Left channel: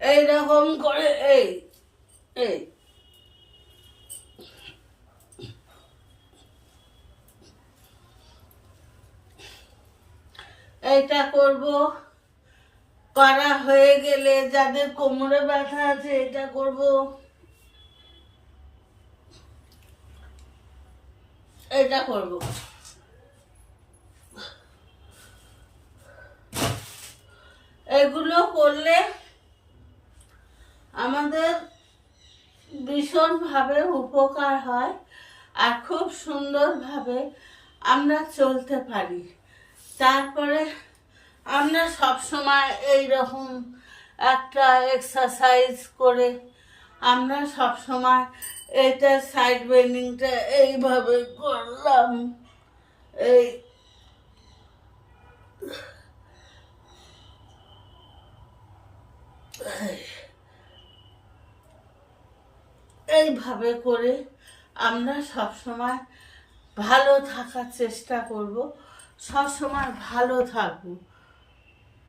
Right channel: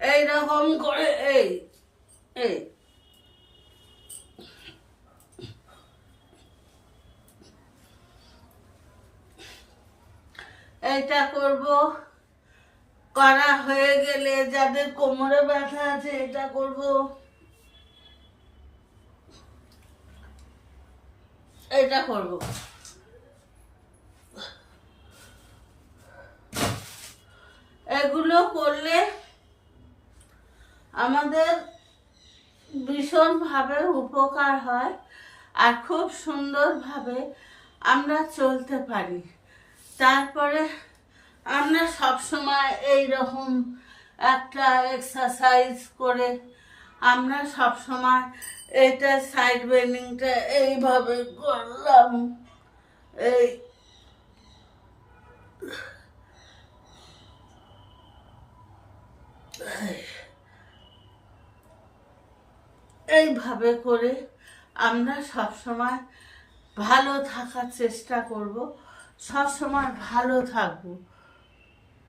এইরকম করে এই এই এইটা করব। করা হয়ে গেলে যাদের কোমরে ব্যথা আছে এটা করব। এটা করব। এগুলো করলে আমাদের ভীষণভাবে উপকার হয় আর খুব সুন্দরভাবে আমরা চলতে পারি। তারপরে আমরা সবসময় এইরকম একটা এক্সারসাইজ করে আমরা সবসময় এইটা সাইড বেন্ডিংটা এইভাবে করলাম। এই এইভাবে করে আমরা সবসময় ভালো থাকার চেষ্টা করব, সবসময় ভালো থাকবো।